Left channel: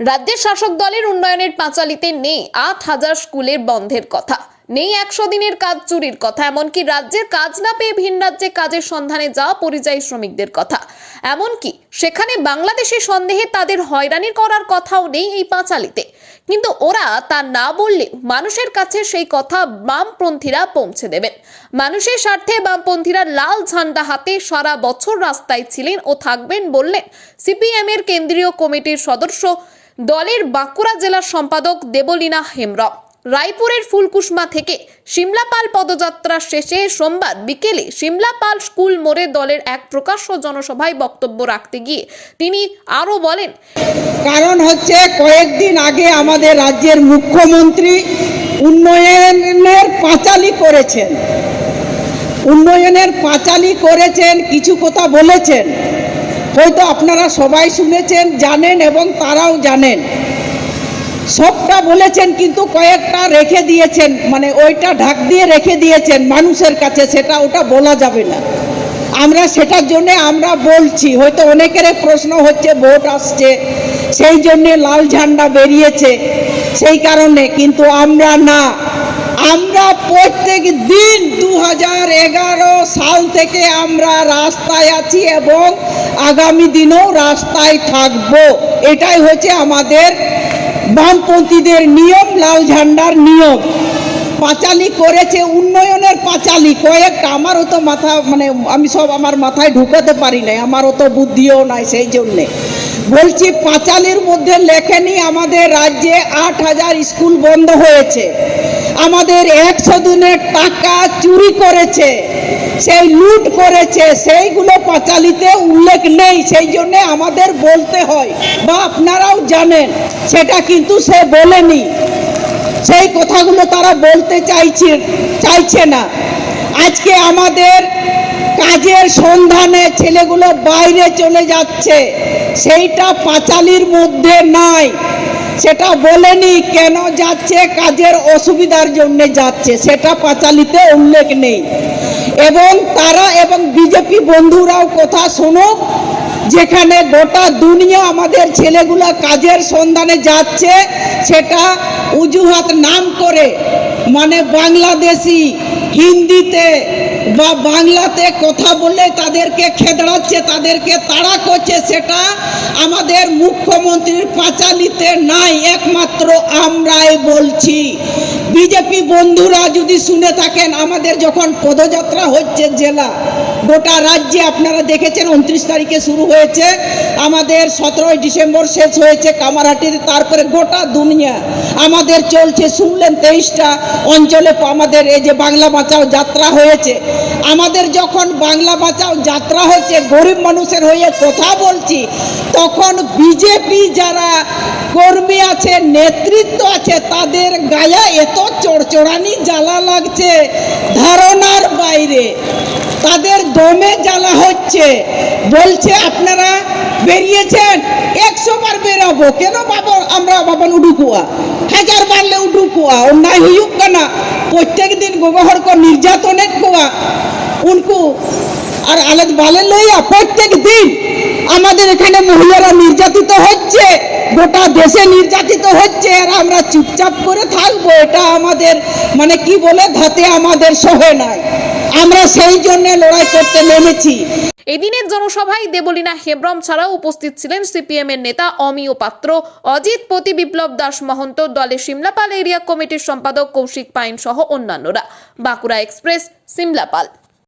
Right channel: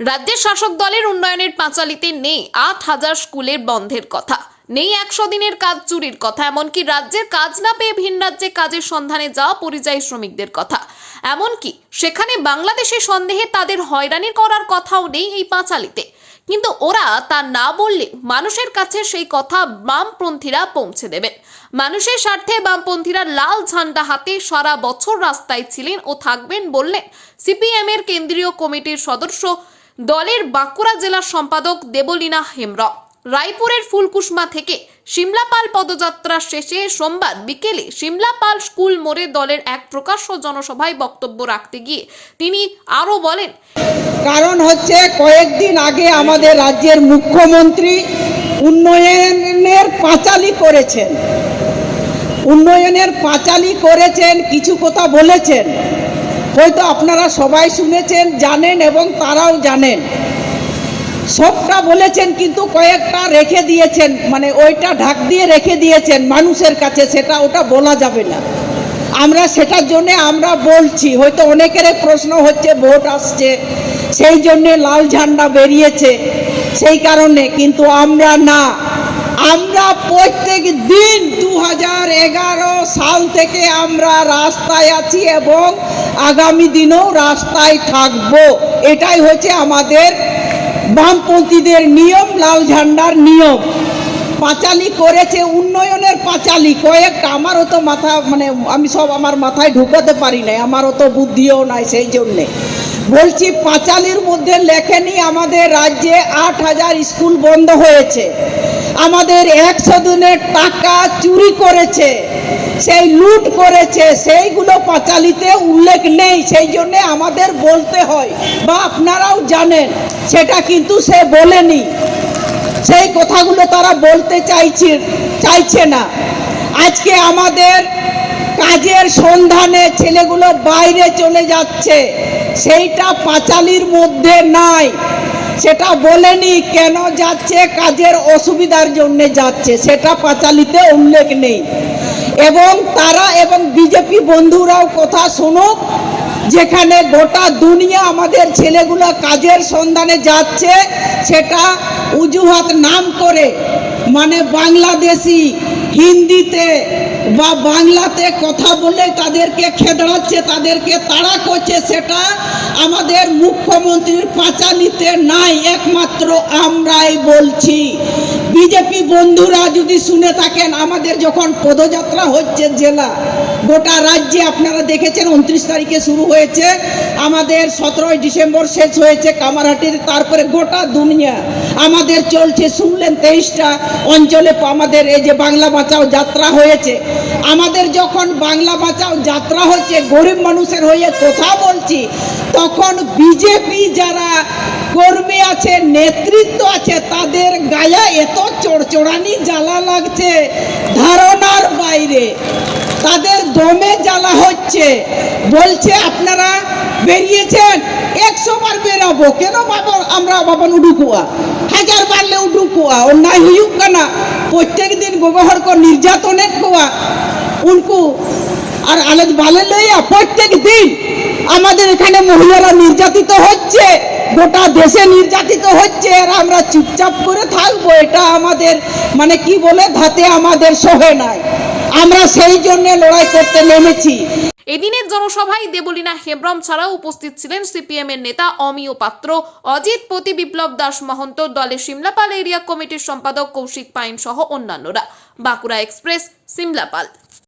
রাজ্যের শাসক দলের উন্নয়নের পাঁচালীতে নেই ৮,০০০ স্কুলের বন্ধের কথা, নেই ১০০ দিনের কাজ চুরির কথা, এমনকি রাজ্যের কাজ না পেয়ে ভিন রাজ্যে কাজের সন্ধানে যাওয়া পরিযায়ী শ্রমিকদের কথা, এমনকি সেখানে বাংলাদেশের সন্দেহে তাদের হয়রানি করার কথাও নেই এই পাঁচালীতে। কিন্তু ওরা তা না বললে মানুষের কাছে সেই কথা বামপন্থীরা পৌঁছে দেবেন। মানুষের স্বার্থে বামপন্থীরা লাল ঝান্ডা হাতে সারা বছর রাস্তায় ছিলেন ও থাকবেন বললেন সিপিএম এর কেন্দ্রীয় কমিটির সদস্য, দলের বাঁকুড়া জেলার সম্পাদক দেবলীনা হেমব্রম। রায়পুরের ফুলকুসমা থেকে সিমলাপাল পদযাত্রা শেষে সোমবার বিকেলে সিমলাপাল স্কুল মোড়ে দলের এক প্রকাশ্য জনসভায় বক্তব্য রাখতে গিয়ে তিনি আরো বলেন, কারণ হচ্ছে কয়েকদিন আগে আমাদের রাজ্যের মুখ্যমন্ত্রী উন্নয়নের পাঁচালী করেছেন, কিছু কথা বলেছেন, হয়তো আপনারা সবাই শুনেছেন, জানেন এবং তারাও জানেন। সবটা বলেছেন কিন্তু কয়েকটা রেখে দিয়েছেন, মানে ওইটা ঢাক দিয়ে রেখে দিয়েছেন মানুষের কাছে, ওটা বলা যাবে না। আমরা সেটার জন্য আমরা বলছি, হয়তো অনেকের প্রশ্ন হচ্ছে ভোট আসছে সেই জন্য লাল ঝান্ডা বেরিয়েছে সেই কারণে, কিন্তু আমরা না, আমরা প্রত্যেক দিন 2011 সাল থেকে আমরা রাস্তায় আছি এবং আগামী দিনেও রাস্তায় থাকবো। এটাই হচ্ছে আমাদের বামপন্থীদের নিয়ম, লাল ঝান্ডার নিয়ম। পাঁচালী করেছে, উন্নয়নের পাঁচালী কয়েকটা, আমারও তো মাথা মানে আমি সব আমার মাথায় ঢুকাতে পারি নাই, আমারও তো বুদ্ধিও নাই, সেই জন্যে বলছি পাঁচালীর মধ্যে লেখেনি আমাদের রাজ্যে 8,000 স্কুল বন্ধ হয়েছে, আমাদের 100 দিনের টাকা চুরি করেছে, সেই লুট করেছে, সেইগুলো পাঁচালীতে উল্লেখ নেই, সেই জন্যে আমাদের বলতে হয়, বা আপনারাও জানেন সেটা কিন্তু সে বলেনি, সেই কথাগুলো তারা বলতে চাইছে না। আজকে আমাদের কাজের সন্ধানে ছেলেগুলো বাইরে চলে যাচ্ছে, সেইটা পাঁচালীর মধ্যে নাই, সেটা বলেনি কেন যাচ্ছে, কাজের অসুবিধার জন্য যাচ্ছে, সেটা পাঁচালীতে উল্লেখ নেই। এবং তারা এবং বিজেপি বন্ধুরাও কথা শুনুক, যেখানে গোটা দুনিয়া আমাদের ছেলেগুলো কাজের সন্ধানে যাচ্ছে, সেটা অজুহাত নাম করে, মানে বাংলাদেশি হিন্দিতে বা বাংলাতে কথা বলে তাদেরকে খেদড়াচ্ছে, তাদেরকে তাড়া করছে, সেটা আমাদের মুখ্যমন্ত্রীর পাঁচালীতে নাই, একমাত্র আমরাই বলছি। বিজেপি বন্ধুরা যদি শুনে থাকেন, আমাদের যখন পদযাত্রা হচ্ছে জেলা গোটা রাজ্যে, আপনারা দেখেছেন 29 তারিখে শুরু হয়েছে, আমাদের 17 ডিসেম্বর শেষ হয়েছে কামারহাটির, তারপরে গোটা দুনিয়া আমাদের চলছে, শুনলেন 23টা অঞ্চলে আমাদের এই যে বাংলা বাঁচাও যাত্রা হয়েছে। আমাদের যখন বাংলা বাঁচাও যাত্রা হচ্ছে, গরিব মানুষের হয়ে কথা বলছি, তখন বিজেপি যারা কর্মী আছে, নেতৃত্ব আছে, তাদের গায়ে এত চড়চড়ানি জ্বালা লাগছে ধারণার বাইরে, তাদের দমে জ্বালা হচ্ছে, বলছে আপনারা বেরিয়েছেন 100 বার বেরাবো, কেন বাবা আমরা বাবা উডুকুয়া 1000 বারলে উডুকুয়া অন্যায় হুক না, প্রত্যেক দিন ব্যবহার কর নির্যাতনের কোয়া উনকু আর আলেজ বালে লইয়া প্রত্যেক দিন আমাদের এখানে মহিলারা নির্যাতিত হচ্ছে, গোটা দেশে নির্যাতিত হচ্ছে, আর আমরা চুপচাপ করে থাকবো, এটা আমাদের মানে কি বলে ধাতে আমাদের সহে নাই, আমরা সেই জন্য লড়াই করতে নেমেছি। এদিনের জনসভায় দেবলীনা হেমব্রম ছাড়াও উপস্থিত ছিলেন সিপিএম এর নেতা অমিয় পাত্র, অজিত পতি, বিপ্লব দাস মহন্ত, দলের সিমলাপাল এরিয়া কমিটির সম্পাদক কৌশিক পাইন সহ অন্যান্যরা। বাঁকুড়া এক্সপ্রেস, সিমলাপাল।